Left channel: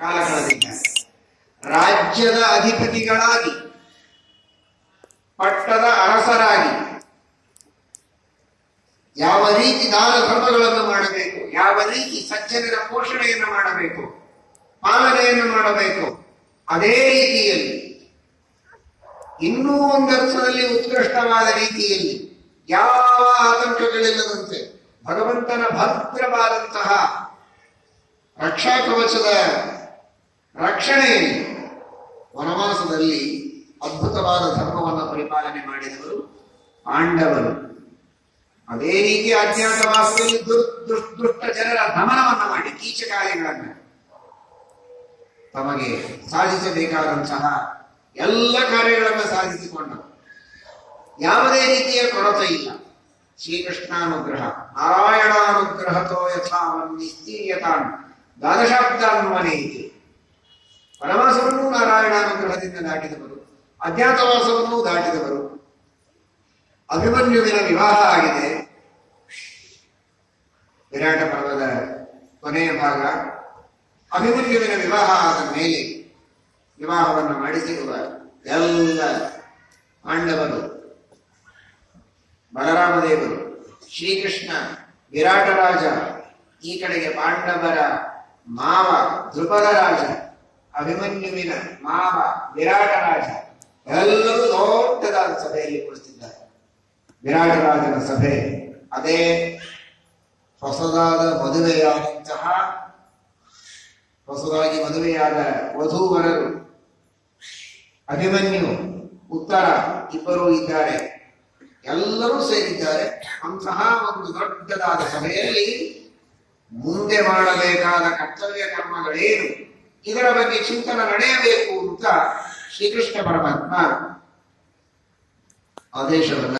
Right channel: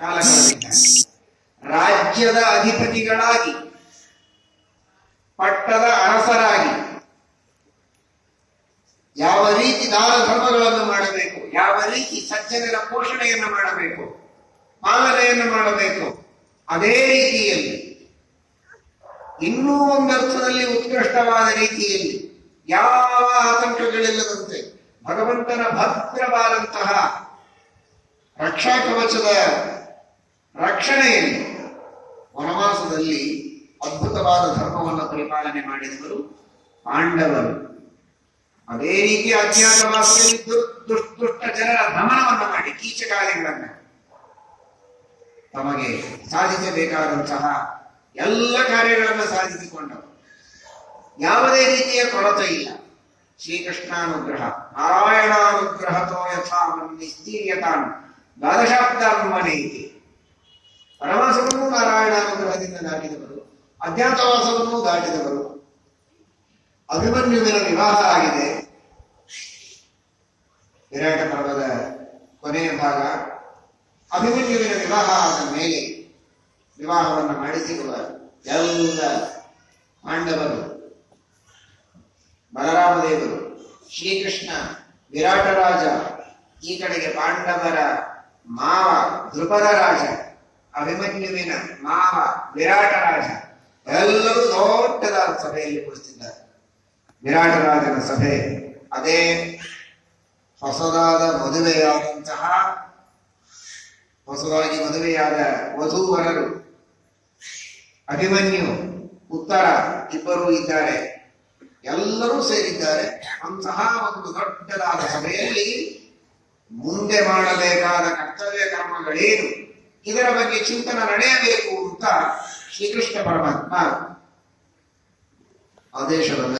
ಕಾಲ ಕಳೆದಿದ್ದಾನೆ. ರಾಜ್ಯದ ಅಧಿಪತಿಗಳಾಗಿ, ಪಟ್ಟದ ಅರಸರಾಗಿ ಯಾವ ರೀತಿ ದಾನ ಧರ್ಮಗಳನ್ನು ಮಾಡಬೇಕು, ಯಾವ ರೀತಿ ಸಜ್ಜನರ ಪೋಷಣೆಯನ್ನು ಮಾಡಬೇಕು, ಪಾಲನೆಯನ್ನು ಮಾಡಬೇಕು, ಅದೇ ರೀತಿಯಲ್ಲಿ ಇನ್ನೂ ಒಂದರ್ಥದಲ್ಲಿ ಉತ್ಕೃಷ್ಟವಾದ ರೀತಿಯಲ್ಲಿ ಯಾವ ಆತಂಕಗಳಿಲ್ಲದಂತೆ ಭಗವಂತನ ಭದ್ರವಾದಂತಹ ರಕ್ಷಾ ಕವಚದ ರಕ್ಷಣೆಯಲ್ಲಿ ವನವಾಸದಲ್ಲಿ ಅದ್ಭುತವಾದ ಧರ್ಮವನ್ನು ಪರಿಪಾಲನೆ ಮಾಡಿದವರು ಪಾಂಡವರು. ಅದೇ ರೀತಿ ಅಜ್ಞಾತವಾಸದಲ್ಲಿ ದುಷ್ಟ ಜನರ ದಮನವನ್ನು ಮಾಡಿ ಕೀಚಕಾರಿಗಳನ್ನು ತಮಗೆ ಸಾಧಿಸಬೇಕಾದಂತಹ ಎಲ್ಲ ಕಾರ್ಯಗಳನ್ನು ಸಾಧಿಸಿಕೊಂಡರು. ಯಾವುದೇ ರೀತಿಯ ಕೊರತೆ ಇಲ್ಲ. ಶ್ರೀಕೃಷ್ಣಾನುಗ್ರಹ ನಾರಾಯಣಾನುಗ್ರಹತೋ ಯಥಾ ನಿಸ್ತೀರ್ಯತಾನ್ ದ್ವಾದಶಾಬ್ದಾನ್ವನೇತಿ. ವನವಾಸವನ್ನೂ ನಾರಾಯಣಾನುಗ್ರಹದಿಂದ ದಾಟಿದವರು, ಅಜ್ಞಾತವಾಸವನ್ನೂ ದಾಟಿದವರು. ಅಭಿಮನ್ಯುವಿನ ವಿವಾಹ ಆಗಿದೆ. ವಿರಾಟ ಪರ್ವದ ಕೊನೆಯ ಭಾಗ. ಅಭಿಮನ್ಯುವಿನ ವಿವಾಹ ಆದ ಮೇಲೆ ವಿವಾಹವನ್ನು ಮಾಡಿಸಿರುವ ಎಲ್ಲ ಪಾಂಡವರು, ಬಲರಾಮದೇವರು, ಶ್ರೀಕೃಷ್ಣ, ವಿರಾಟ ರಾಜ, ಈ ಕಡೆಗೆ ಪಾಂಡವರ ಮಾವ ಧ್ರುಪದ ರಾಜ, ಅಭಿಮನ್ಯುವಿನ ಮಾವ ವಿರಾಟ ರಾಜ, ಎಲ್ಲರೂ ದೊಡ್ಡದಾದ ಸಭೆಯಲ್ಲಿ ಕುಳಿತಿದ್ದಾರೆ. ವಿರಾಟ ರಾಜನ ಸಭೆ ಅದೇ ಹೊಸದಾಗಿ ಮದುವೆಯಾದ ವಧೂವರರು ಅಭಿಮನ್ಯು, ಉತ್ತರ ಇಬ್ಬರೂ ಇದ್ದಾರೆ. ಎಲ್ಲರೂ ಸೇರಿದ್ದಾರೆ. ಅಂತಹ ಒಂದು ದೊಡ್ಡದಾದ ಸಭೆಯಲ್ಲಿ ಮುಂದೆ ಮಾಡಬೇಕಾದ ಕರ್ತವ್ಯ ಕರ್ಮಗಳೇನು, ಇದರ ಬಗ್ಗೆ ಚಿಂತನೆ ನಡೆಯಬೇಕು ಅಂತ ಶ್ರೀಕೃಷ್ಣ ಪರಮಾತ್ಮ ಆದೇಶವನ್ನು